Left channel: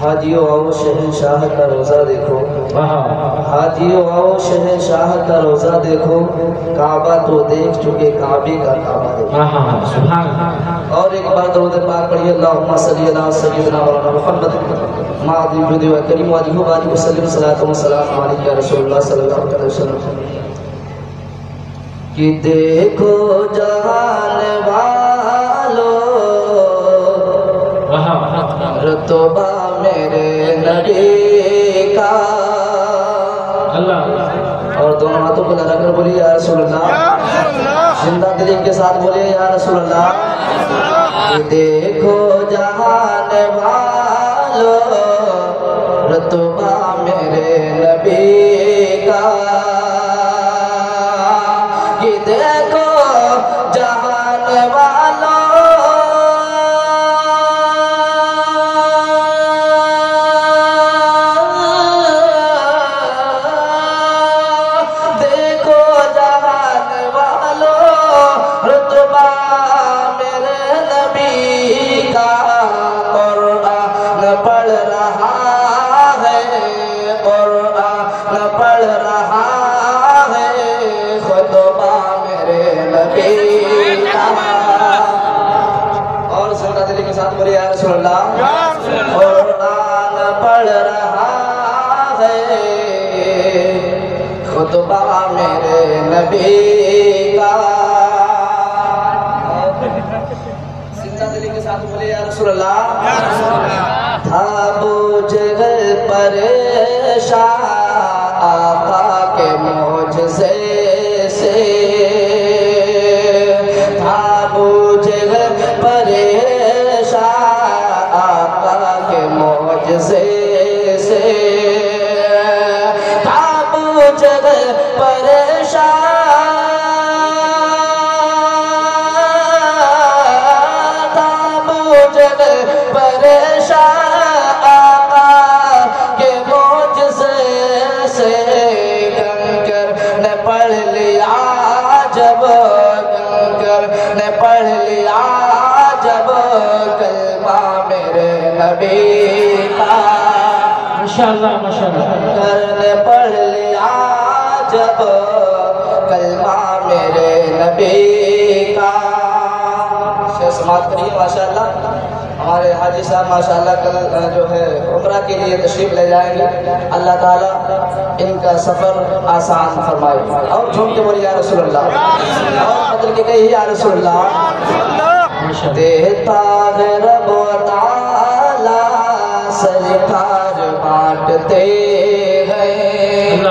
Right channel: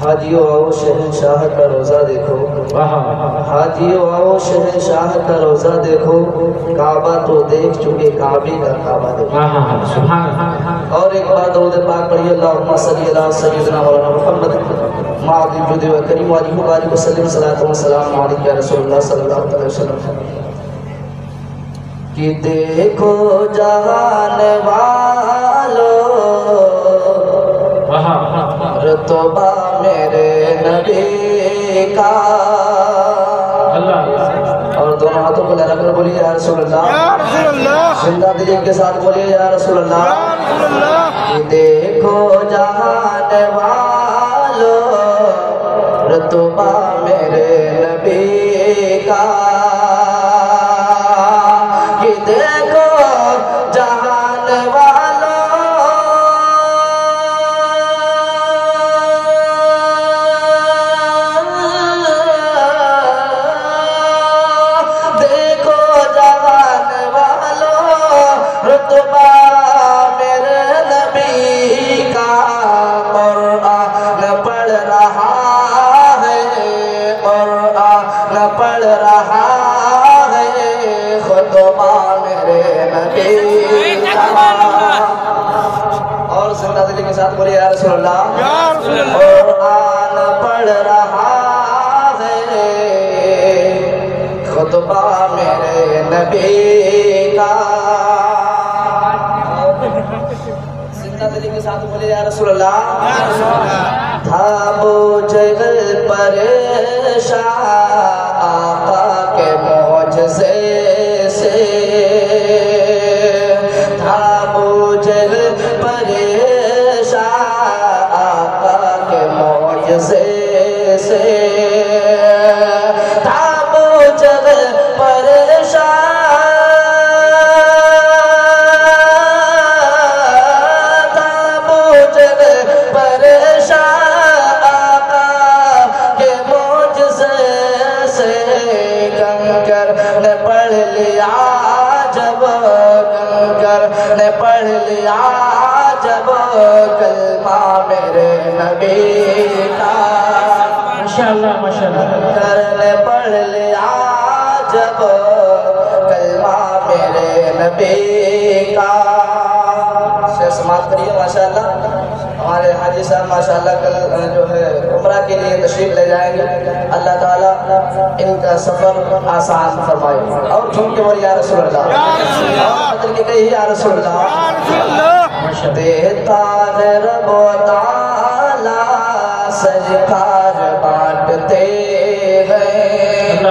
حاجیو آؤ شہنشاہ کا روزہ دیکھو، حاجیو آؤ شہنشاہ کا روزہ دیکھو، کعبہ تو دیکھ چکے کعبے کا کعبہ دیکھو۔ اور ایک بار درود پاک پڑھیے، اللہم صلی علی سیدنا مولانا محمد معظم جود و کریم وجہ وآلہ وسلم صلاۃ و سلام علیک یا رسول اللہ صلی اللہ علیہ وسلم۔ کہ دیکھو جہان والو رتبہ میرے نبی کا، اور دونوں ہاتھوں کو لگا کر بولیے یا رسول اللہ، زندہ دلی کے ساتھ بولیے یا رسول اللہ۔ کہ دیکھو جہان والو رتبہ میرے نبی کا، کہ دیکھو جہان والو رتبہ میرے نبی کا، قرآن پڑھ رہا ہے، قرآن پڑھ رہا ہے، خطبہ میرے نبی کا۔ اور زندہ دلی کے ساتھ بولیے یا رسول اللہ، قرآن پڑھ رہا ہے، خطبہ میرے نبی کا۔ کے ساتھ بولے یا رسول اللہ۔ تھا بوجھ پریشان آقا کے معجزے سے، تھا بوجھ پریشان آقا کے معجزے سے، تھا بوجھ پریشان پڑھ لیا جب کنکر نے پڑھ لیا جب کلمہ میرے نبی کا، ماشاءاللہ ماشاءاللہ، کنکر نے پڑھ لیا جب کلمہ میرے نبی کا۔ سے سماعت کریے ماشاءاللہ۔ ہمارے حاجی صاحب ماشاءاللہ کل جو ہے عمرہ کے لیے تشریف لے جائیں گے، اللہ تعالیٰ ان کا سفر آسان فرمائے۔ اور جھوم کے بولی یا رسول اللہ، اور بدل کے کہی یا رسول اللہ۔ دیتا ہے رب و تعالیٰ سرکار بانٹتے ہیں،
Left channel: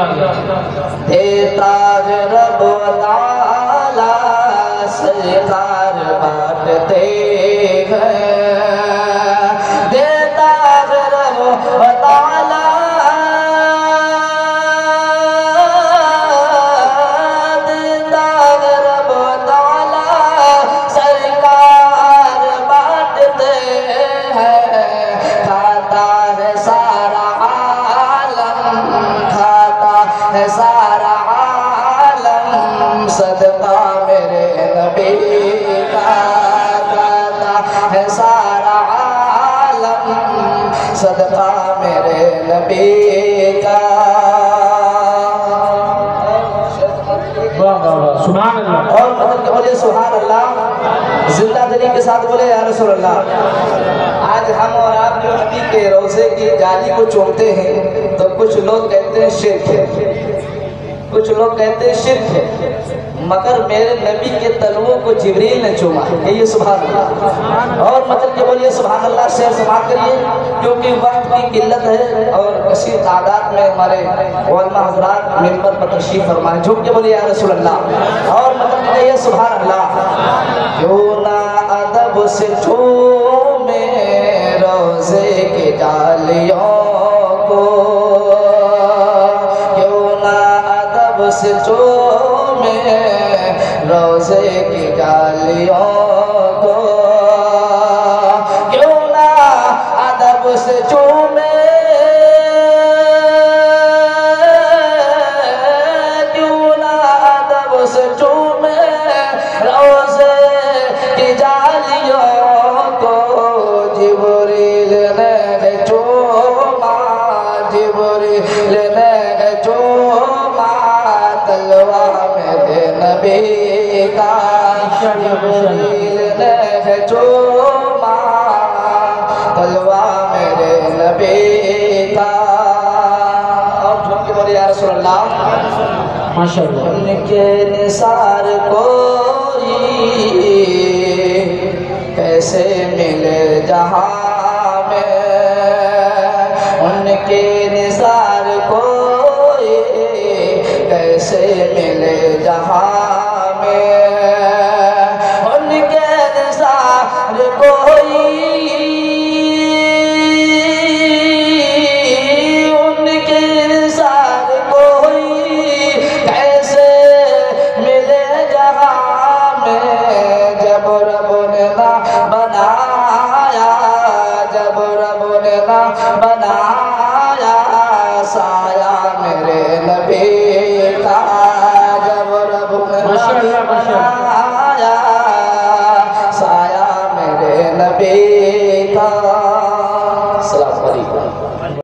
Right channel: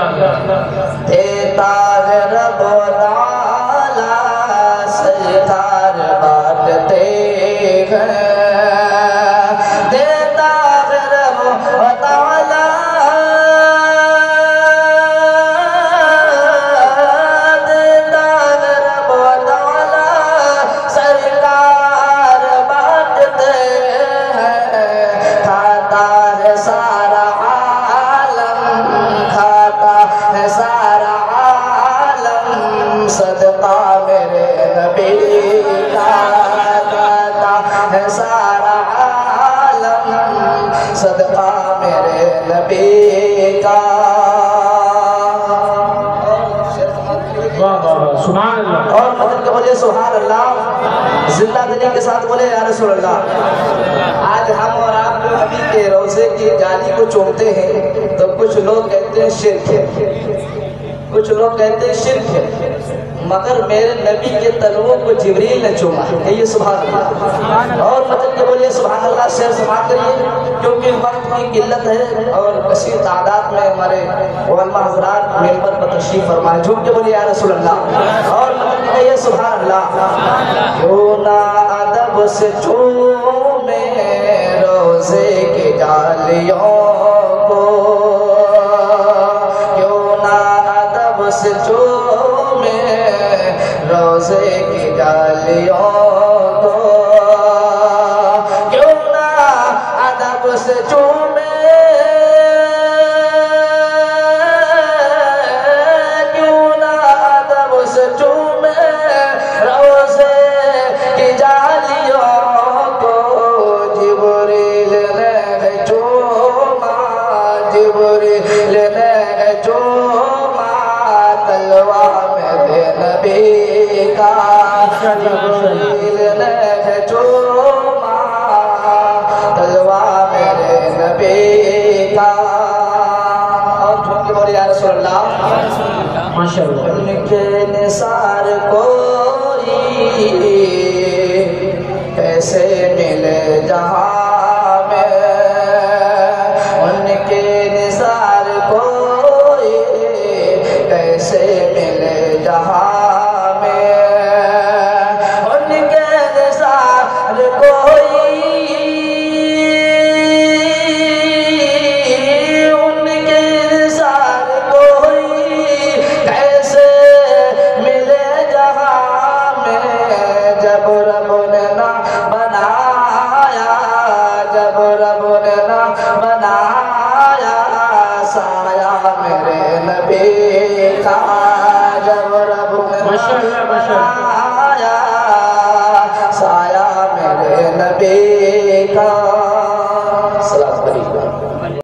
دیتا ہے رب و تعالیٰ سرکار بانٹتے ہیں، سارا عالم صدقہ میرے نبی کا، کہتا ہے سارا عالم صدقہ میرے نبی کا۔ سبحان اللہ، اور مدد کے بولے سبحان اللہ، زندہ دلی کے ساتھ بولے یا رسول اللہ۔ آج ہم اور آپ جو نبی کے روضے کی جالی کو چومتے ہیں تو کچھ لوگ کہتے ہیں شرک ہے، کچھ لوگ کہتے ہیں شرک ہے، مگر میرے نبی کے تلووں کو جبریل نے چوما ہے، کہیے سبحان اللہ۔ اور مطلب کہ بولیے سبحان اللہ، شعر سماعت کریے کیونکہ وقت کی قلت ہے اور کثیر تعداد میں ہمارے علماء حضرات ممبر پر تشریف فرمائے، جھوم کے بولیے یا رسول اللہ۔ اور مطلب کہ کہیے سبحان اللہ۔ کیوں نہ ادب سے چومے روزے کے جالیوں کو، کیوں نہ ادب سے چومے روزے کی جالیوں کو، کیوں نہ ادب سے چومے، کیوں نہ ادب سے چومے روزے کی جالیوں کو، جبریل نے چوما جلوہ میرے نبی کا۔ اور جھوم کے بولی یا رسول اللہ ماشاءاللہ۔ ان کے نثار کوئی کیسے ملے جہاں میں، ان کے نثار کوئی کیسے ملے جہاں میں، ان کے نثار کوئی بنایا سایہ میرے نبی کا، جب رب نے بنایا